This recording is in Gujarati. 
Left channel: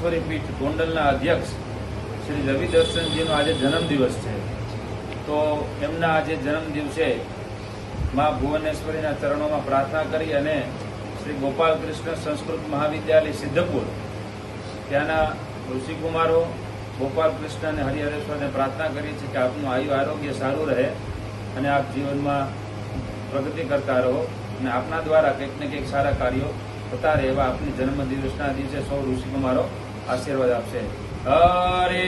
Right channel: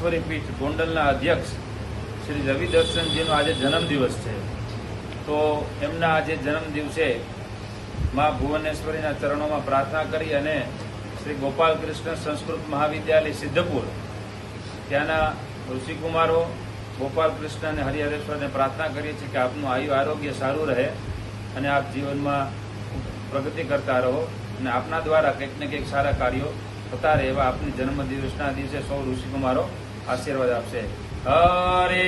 પીઠ ગોંડલના અધ્યક્ષ શ્રી રવિ દર્શનજીનો આજે જન્મદિવસ છે. તો એમના આજે જન્મદિવસે મા ભુવનેશ્વરીના ચરણોમાં પ્રાર્થના કરી અને શ્રી ગોપાલકૃષ્ણ સંસ્કૃત મહાવિદ્યાલય સિદ્ધપુર ત્યાંના ઋષિકુમારો ગોપાલકૃષ્ણ અને હરિહરેશ્વરને પ્રાર્થના કરીએ છીએ કે આપનું આયુ આરોગ્ય સારું રહે અને આપ જીવનમાં પ્રગતિ કરતા રહો અને આપના દ્વારા કંઈક ને કંઈક સારા કાર્યો થતા રહે એવા આપની જન્મદિવસના દિવસે સૌ ઋષિકુમારો આશીર્વાદ આપશે. હરે